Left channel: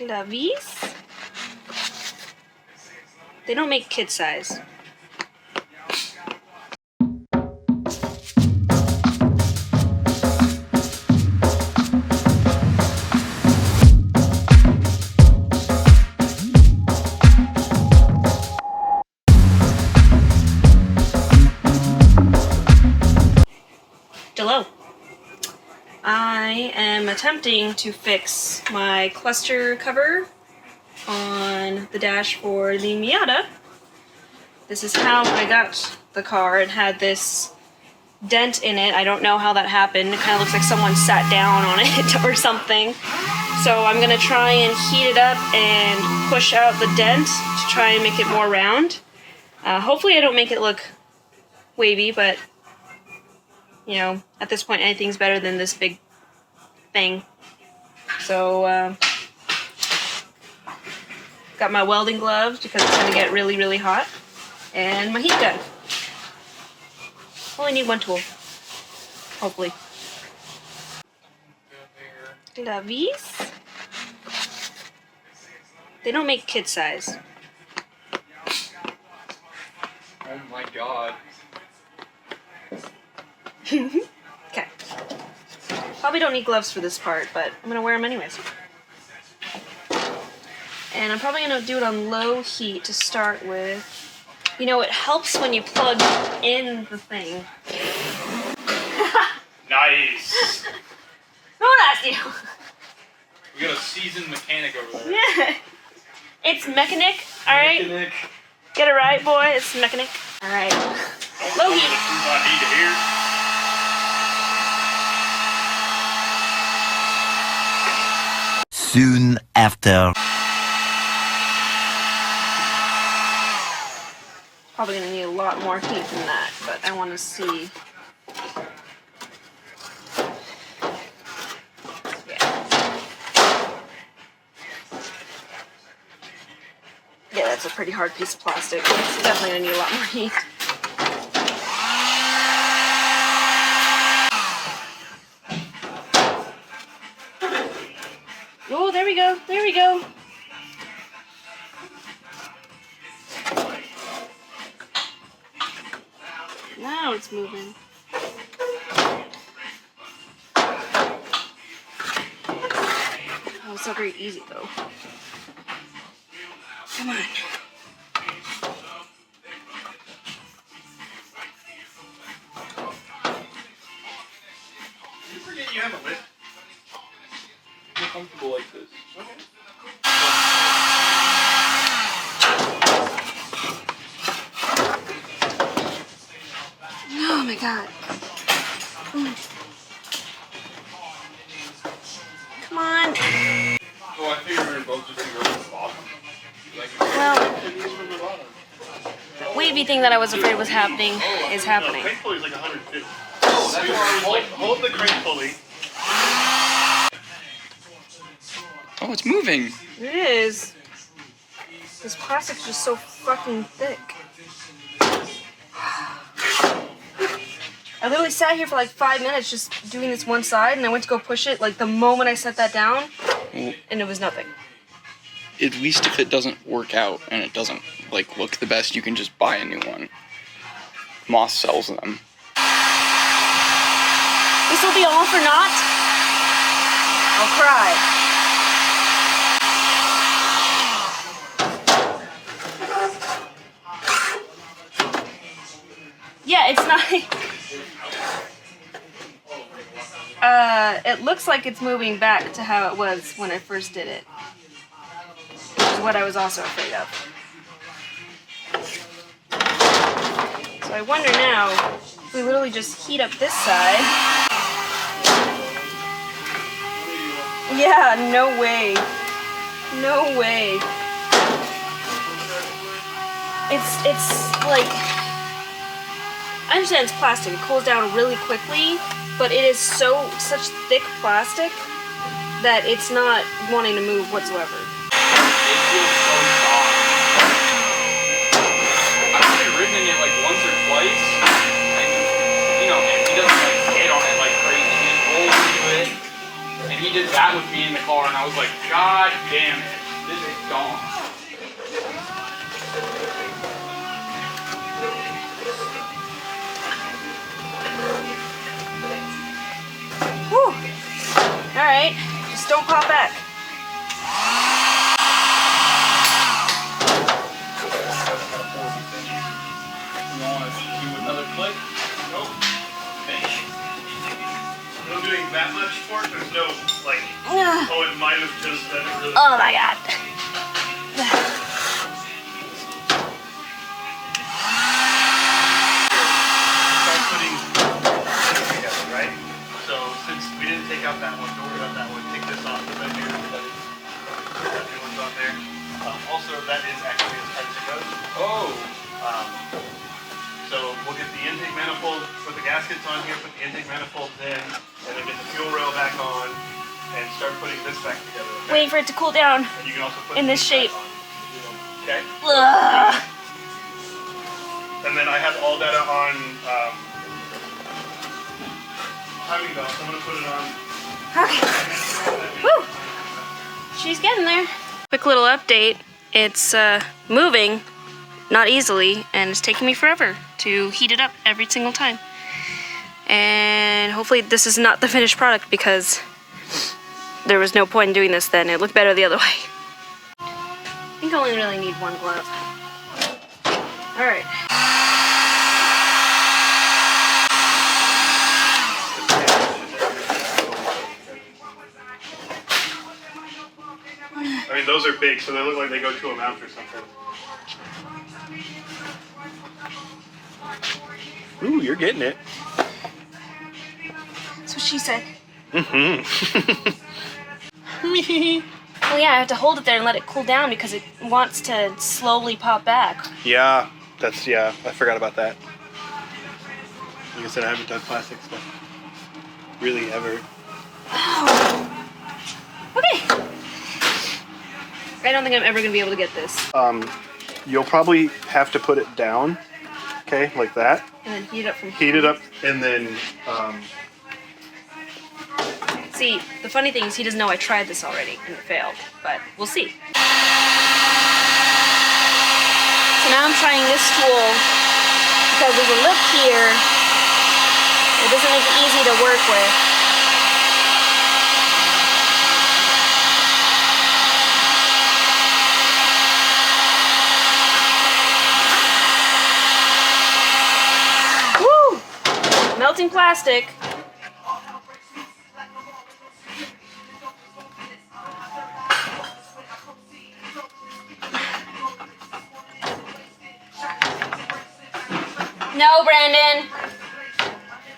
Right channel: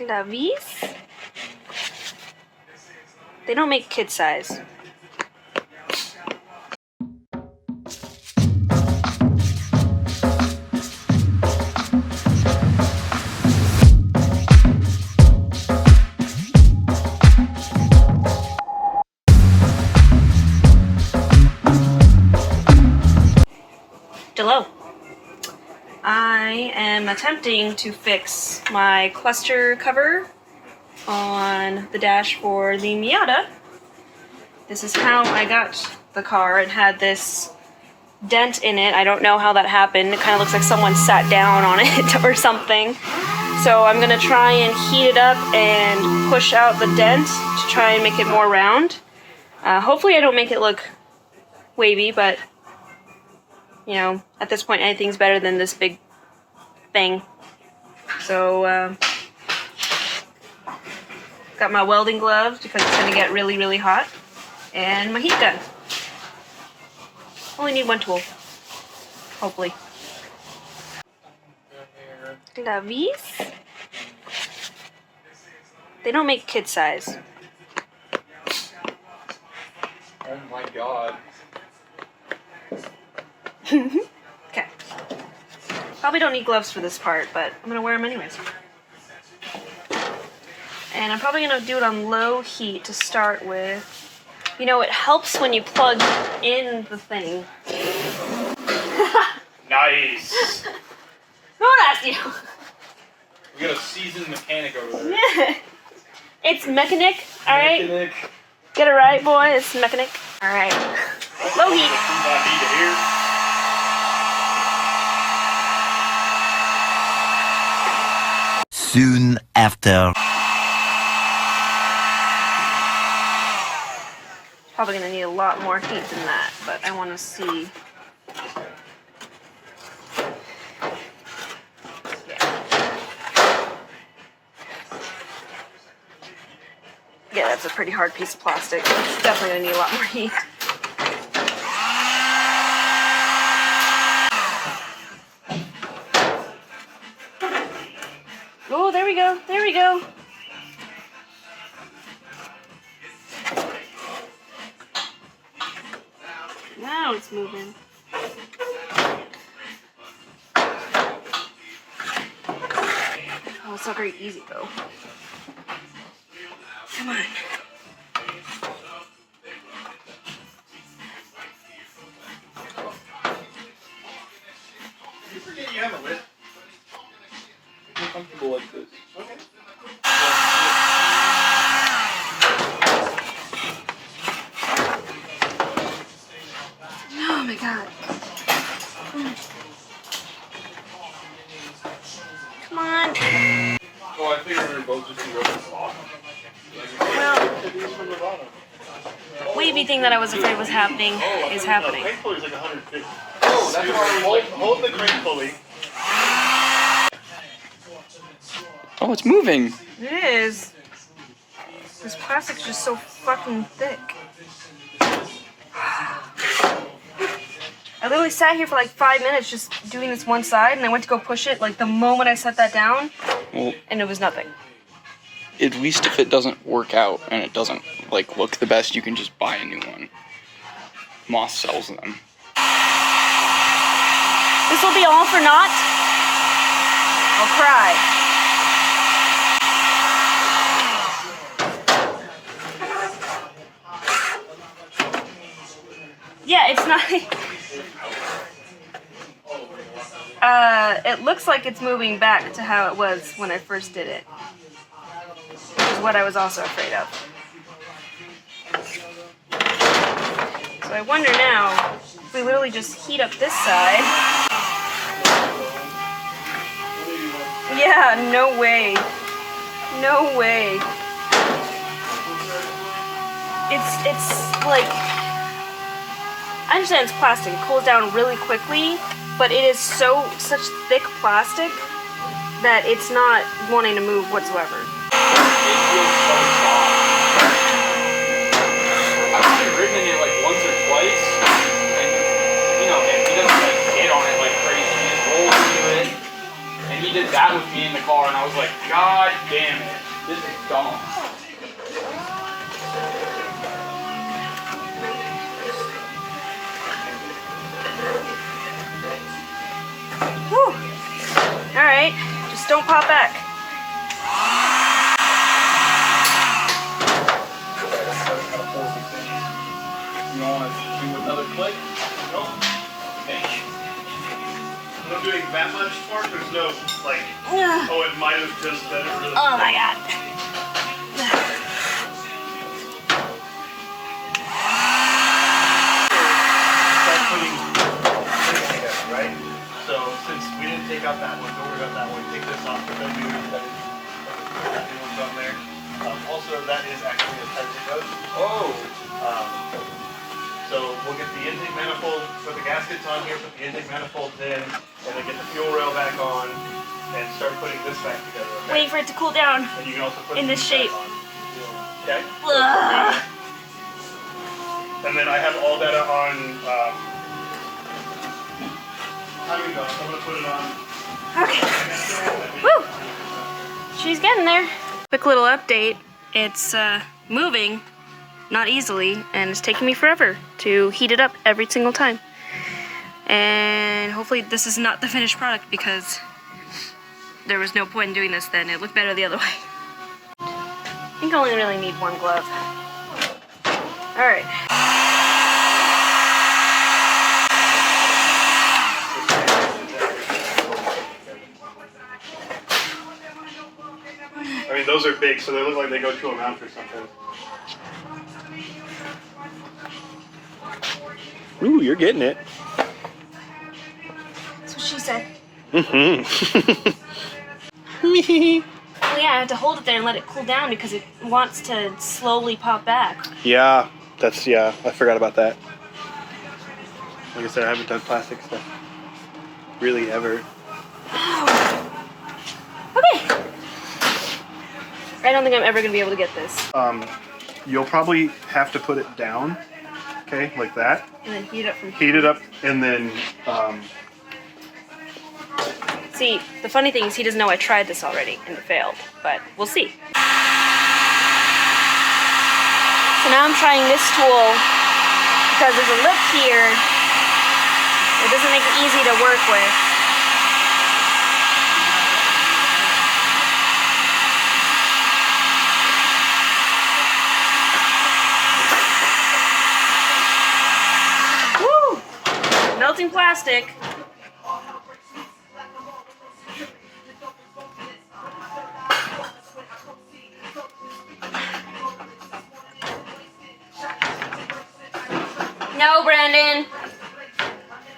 Glavies? They don't make kid size. Jello. I am attempting to fix my cluster cover on the dash for the Miata. This is how I got the car. It had this dent in it. I don't know how that happened. It kind of looks like someone sat down on it or something. So I'm gonna try and heat it up and push out the dent to try and make it more round. Hopefully I don't make it look wavy, but you know, at this point anything's better than this big thing. So got my welding gloves because it's gonna get really, really hot, and my heat gun. Only need one tool, hopefully. Glavies? They don't make kid size. Oh my god. Okay. Probably don't need gloves for this part, but I'm gonna wear them anyways. And I'm probably gonna do it on low heat to start with. You know, it helps when you plug in the thing. Nice. Who asked you? We got a seasoned mechanic over there. Yeah. It's mechanic, alright? Mechanic. Get it right, boy. It's mechanic. Alright. Low heat. Soon after. Probably gonna need a lot more heat than that, but I want to see. Yeah, that's a pretty hard piece of plastic. It's definitely gonna need a lot more heat. Oh, there we go. There we go. Now it's moving. Oh, it's not very easy though. Come on. You forget you have a lift. Be comfortable like this. Oh my god. Come on. Oh, I think we were both just going to go off. Well, that wavy thing that I was afraid was happening is happening. Hold the crane pulley. Oh, it's moving. It is. This plastic's just so fucking thick. I literally sat here for like 5 minutes just doing this one side, and I went to go push it like the moment I set that down, Well, and it was nothing. at least if it doesn't work out and it doesn't like look the best, you can just buy a new one. Moss sells them. This will be all for naught. I'll cry. Yeah, it's not. It looks like it's moving back to how it was when I first did it. Which is what I was also afraid of. So I wonder now, if we literally just heat up this side. Yeah, no way. No way. It's like, I understand it's plastic, it cools down really quickly, but it is such thick plastic that it's not wanting to move whatsoever. I've only ridden in it like once or twice, and you know, he doesn't like get on it like crazy, he just rolls into it, and he did that with me in the car, and I was like, God damn it. gone. Whew. Alright, just don't pop back. You want to do another clip? Nope. Finish. When I'm doing that much torque, there's no, like, Ugh. oh, it might have just done it really. Oh my god. Start putting this together, right? So since we didn't take out that one, don't worry about that one. Take this off. What I do is put the new ones on there. Also, that is actually as tight as it goes. Oh. So we'll get the intake manifold, put the gaskets on here, put the intake manifold in, and then get the fuel rail back on, and start putting this back together. Okay? Waiting for it to cool down. And you can also put in this these back shape. on. Okay. Ugh. And then I have all data on timing belt. I'm gonna put it on. Okay. Woo! She's getting there. Quick little update. It's moving, not easily, and it's taking me forever to heat it up every single time. And hopefully this is not the finished product because there was no point in doing this then. It looked better the other way. You only really need one glove. Alright. I mean, those are big, so they look like they go to a mount or something. Ooh, you're getting it. That's what she said. Mm-hmm. Well, yeah, I have to hold it there and let it cool down because it wants to slowly pop back. Yeah, I forgot about that. Like I said, I haven't done plastic stuff really ever. Oh. Okay. I don't think I'm ever going to be able to get this. You'll probably have to put it down, okay, like that. And then heat it up from Heat it up, and then See, the funny thing is he doesn't know I tried this already and it failed, but we'll see. So now I'm trying this tool because there's a lip here. It doesn't make it easy to work with. Woo! Melting plastic. No, Brandon.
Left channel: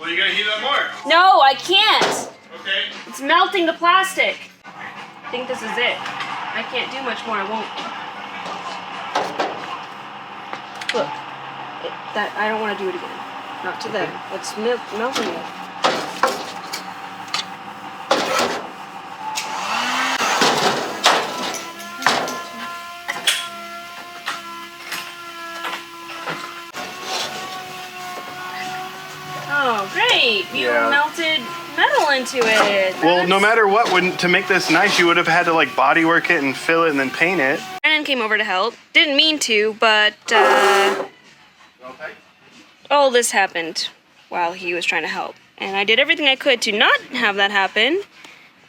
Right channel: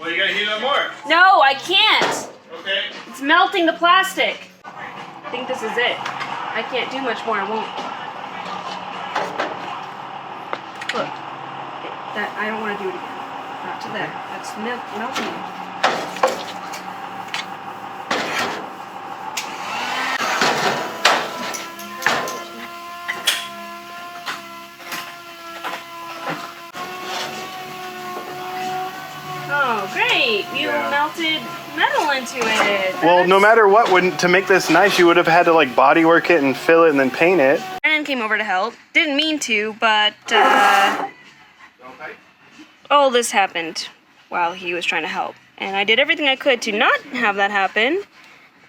Well, you gotta heat it up more. No, I can't. Okay. It's melting the plastic. I think this is it. I can't do much more. I won't. Look, that I don't want to do it again. Not to that. That's melting it. Oh, great! You Yeah. melted metal into it. well, no That's- matter what, to make this nice, you would have had to like body work it and fill it and then paint it. Brandon came over to help. Didn't mean to, but all this happened while he was trying to help. And I did everything I could to not have that happen.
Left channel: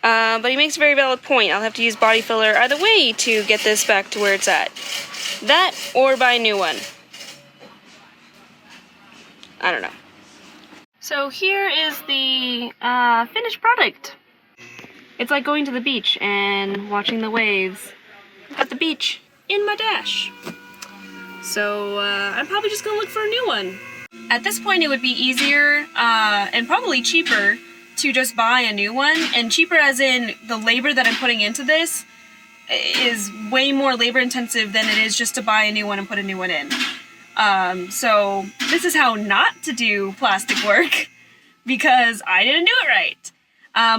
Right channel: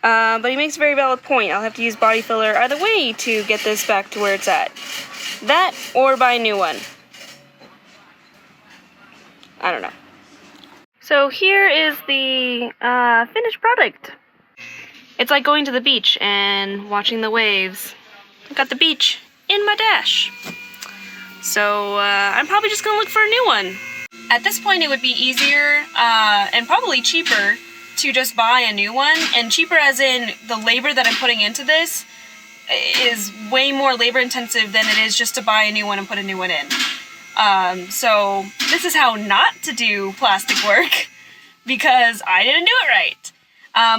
But he makes a very valid point. I'll have to use body filler either way to get this back to where it's at. That or buy a new one. I don't know. So here is the finished product. It's like going to the beach and watching the waves. I've got the beach in my dash. So I'm probably just gonna look for a new one. At this point, it would be easier and probably cheaper to just buy a new one. And cheaper as in the labor that I'm putting into this is way more labor intensive than it is just to buy a new one and put a new one in. So this is how not to do plastic work because I didn't do it right.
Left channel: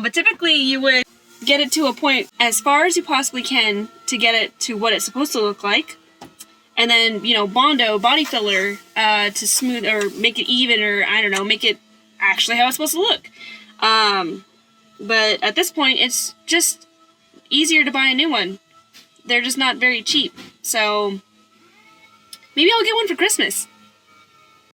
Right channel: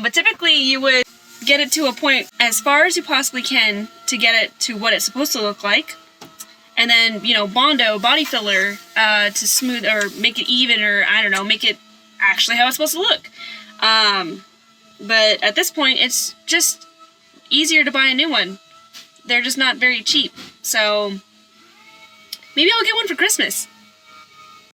But typically you would get it to a point as far as you possibly can to get it to what it's supposed to look like. And then, you know, Bondo, body filler, to smooth or make it even or, I don't know, make it actually how it's supposed to look. But at this point, it's just easier to buy a new one. they're just not very cheap. So maybe I'll get one for Christmas.